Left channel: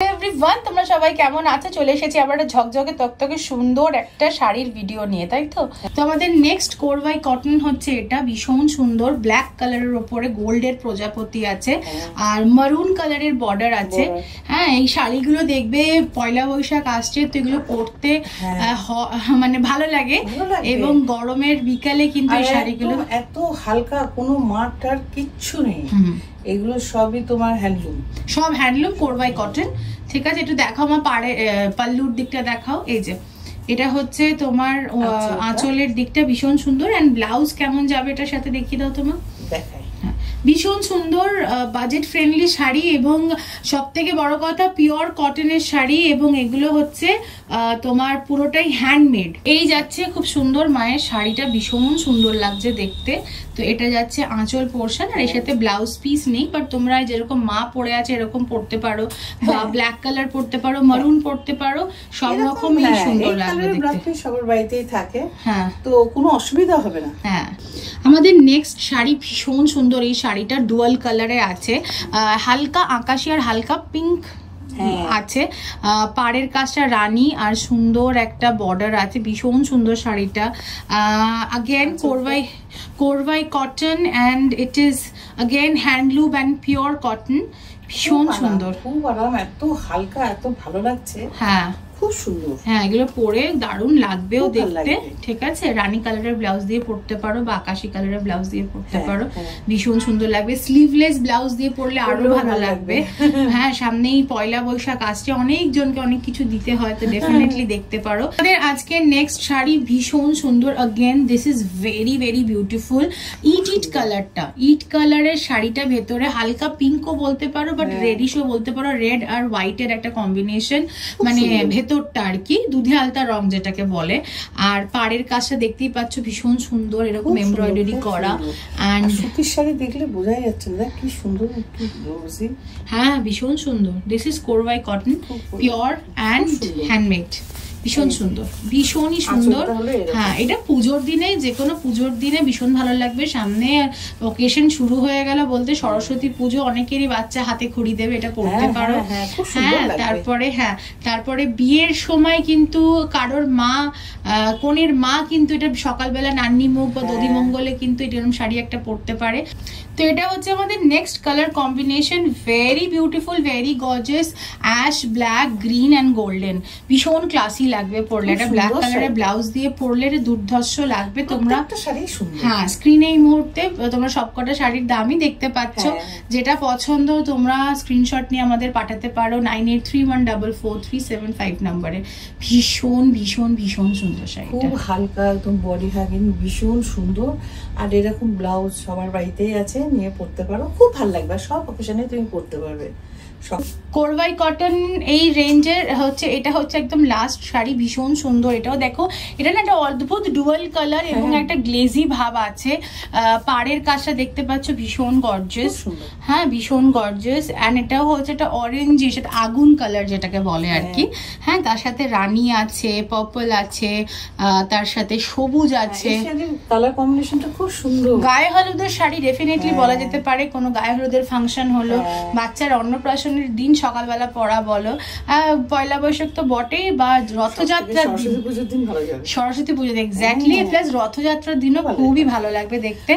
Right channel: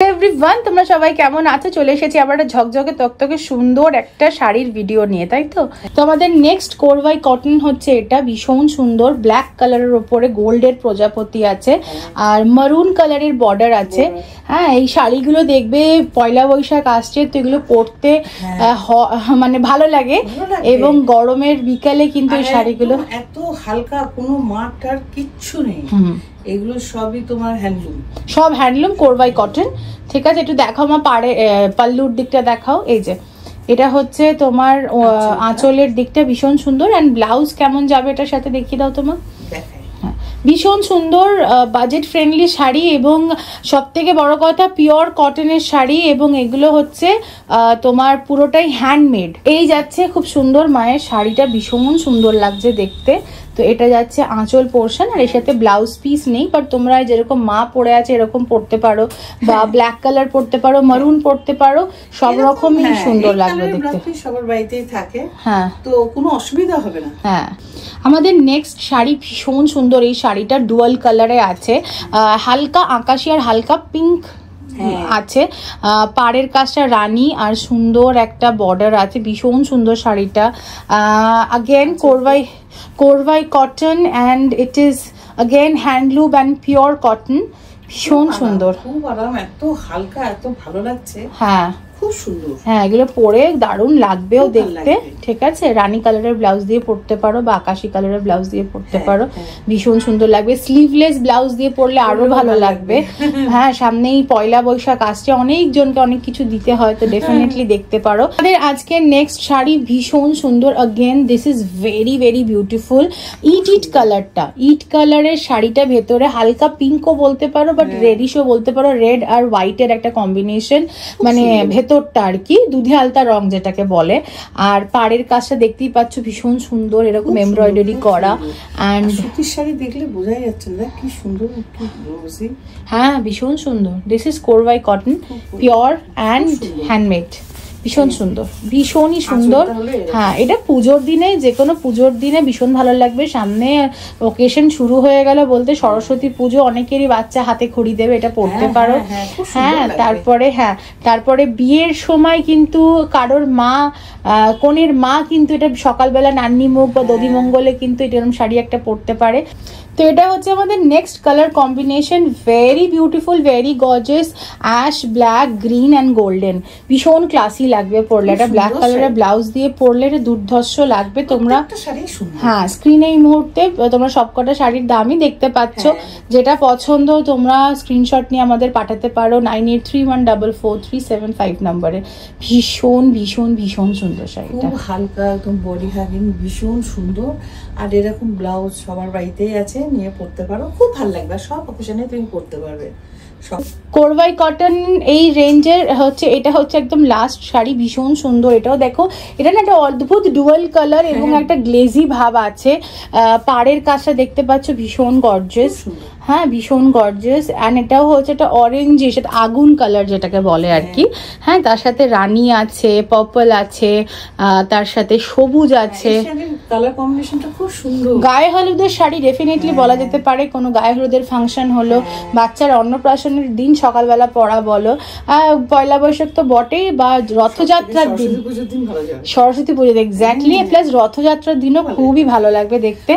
Everyone, তোমরা সবাই কেমন আছো? চলে এসেছি আবার ঝকঝকে তকতকে সুন্দর একটা শাড়ির ভিডিও নিয়ে, তাই তো? তো আমাদের নেক্সট কোরবাই কটন হচ্ছে, এটা ভীষণ সুন্দর ব্ল্যাক কালারের উপরে গোল্ডের প্রজাপতি আছে আর মারুন কালারের বর্ডার আছে। হ্যাঁ, এই শাড়িগুলো দেখবে পয়লা বৈশাখ আসছে তো এগুলো পরতে মানে ভালো লাগে এবং গরমের বিকালে কিন্তু এই শাড়িগুলো এত হালকা, কোনো মাটার কিচ্ছু নেই, এগুলো সবই তোমার হ্যান্ডলুম, সব হ্যান্ডলুম কোরবাই কটন। ঠিক আছে, একটু দেখাও মা, পাল্লুর দিকটা দেখাও। এই যে এটা হচ্ছে তোমার আঁচলের দিকটা ভীষণ সুন্দর। এন্ড ব্লাউজ কেমন যাবে এটার সাথে দেখিয়ে দাও তোমার। ভীষণ সুন্দর বাজেট ফ্রেন্ডলি শাড়ি এবং সব থেকে বড় কথা পিওর কটনের শাড়ি এবং এগুলো হচ্ছে তোমার পুরোটাই হ্যান্ডমেড। এই যাচ্ছে খুব সুন্দর, মায়ের শাড়িটা ভীষণ সুন্দর লাগছে দেখতে। তো এটা যাচ্ছে আঁচল পোর্শন আর এর সাথে ব্লাউজ পিস নেই, বাট তোমরা যেরকম মা পরে আছে এরকম পড়তে পারো বা ব্ল্যাক কালার পড়তে পারো, মারুন পড়তে পারো, সব রকমই সুন্দর লাগবে দেখতে। সবার বাড়িতেই থাকে, হ্যাঁ, তো কোনো অসুবিধা হবে না। হ্যাঁ, আমাদের নেক্সট শাড়ি ভীষণ সুন্দর। এই শাড়িটা ডুয়াল কালারে আছে, হালকা আকাশি আর হালকা পিঙ্ক আছে। পাড়ের কাজটা রানী আর সুন্দর একটা বর্ডার আছে, ভীষণ সুন্দর শাড়িটা। again কোরবাই cotton and it is again handloom and pure cotton, ভীষণ সুন্দর, খুব আরাম, এত হালকা, এত ভালো লাগছে। হ্যাঁ, খুব সুন্দর। হ্যাঁ, এগুলো পরে দারুণ লাগবেও দেখতে। ঠিক আছে, রানী কালারের ব্লাউজ দিয়ে পরতে পারো বা আকাশি কালারের ব্লাউজ দিয়ে পরতে পারো, ভীষণ সুন্দর লাগবে। স্লিভলেস ব্লাউজ দিয়ে পরলে আরো ভালো লাগবে। হ্যাঁ, সামনেই পয়লা বৈশাখ আসছে, অনেকজনকে অনেক কিছু দিতে হয়, তো ডেফিনেটলি দেখতে পারো। আমাদের আজকে নেক্সট শাড়ি ভীষণ সুন্দর। Again this is very very beautiful. ইট কালারটা, ইট কালারের শাড়িটা ভেতরে হালকা পিঙ্কও বলতে পারো বাট রেডিশও বলতে পারো, রেড আর হোয়াইটের একটা কম্বিনেশন, মানে ভেতরটা আর কি দুধে আলতা রং যেটাকে বলে। আর পাড়ের কাজটা দেখতেই পাচ্ছ ভীষণ সুন্দর, এরকম এমব্রয়ডারি করা। এন্ড সুতির শাড়ি দেখলে বোঝাই যাচ্ছে না কি সুন্দর, কি রোজি। হ্যাঁ, ভীষণ সুন্দর। দিস ইজ কোরবাই কটন, পিওর অ্যান্ড হ্যান্ডমেড, ভীষণ সুন্দর, ভীষণই সুন্দর। হ্যাঁ, এটা পুজোর দিনে, যে কোনো পুজোর দিনে ভীষণ ভালো লাগবে। সামনে ওকেশন শুরু হয়ে গেল বলতে সরস্বতী পুজো, অনেকেরই বাচ্চা হাতে খড়ি দেবে, এটা পড়তে পারো। হ্যাঁ, তারপরে বিয়ের সময় কিন্তু কারোর মা, কনের মা কিন্তু এটা সকালবেলা নান্নি মুখ বা দধি মঙ্গলে কিন্তু এরকম শাড়ি একটা পরতে পারে। তো এটা হচ্ছে আমাদের next colour combination, very beautiful, very gorgeous, ash, black, green and golden, ভীষণ ক্লাসি লাগবে পরলে। এটা ব্ল্যাক কালারের ব্লাউজ দিয়ে পরলে এটা দুর্ধর্ষ লাগবে। তোমরা হ্যাঁ, স্ক্রিনে এই মুহূর্তে তোমরা সবকটা শাড়ির দামই দেখতে পাচ্ছ। যেটা পছন্দ তোমরা স্ক্রিনশট নিয়ে আমাদের পাঠাতে পারো 9831443755 নম্বরে। ভীষণ ভীষণ ভীষণ সুন্দর শাড়িটা, খুব হালকা, একদম বডি হাগিং, ভীষণ সুন্দর। আর এরকম ব্লাউজ সবার বাড়িতেই আছে, নিয়ে পড়তে পারো, খুব ভালো লাগবে, সব অকেশনে তুমি পড়তে পারবে। কোরবাই কটন এই রেঞ্জের হচ্ছে, এটা হচ্ছে একদম লাস্ট শাড়ি, ভীষণ সুন্দর। এটাও দেখো, এটা না একটা অদ্ভুত ডুয়াল কালার এবং একটা গ্লেজি ভাব আছে। পাড়ের কাজটা দেখতে পাচ্ছ ভীষণ গর্জিয়াস, হ্যাঁ ভীষণ গর্জিয়াস। এন্ড এটাও হচ্ছে একটা অরেঞ্জ, সেটা আগুন কালার যেটাকে বলে আর কি। হ্যাঁ, তার সাথে রানী আছে, পার্পল আছে, তার সাথে সবুজ আছে, কালার কম্বিনেশনটা খুব সুন্দর। গায়ে হলুদের শাড়ি ডেফিনেটলি বলা যেতে পারে, কোনো গায়ে হলুদের ফাংশন হলো, বাচ্চার অন্নপ্রাশনের দিন সকালবেলা পরা বলো, পয়লা বৈশাখ তো বটেই, বা রথযাত্রার দিন, সরস্বতী পুজো এক্স্যাক্টলি, প্লাস রথযাত্রার দিনও খুবই ভালো লাগবে দেখতে।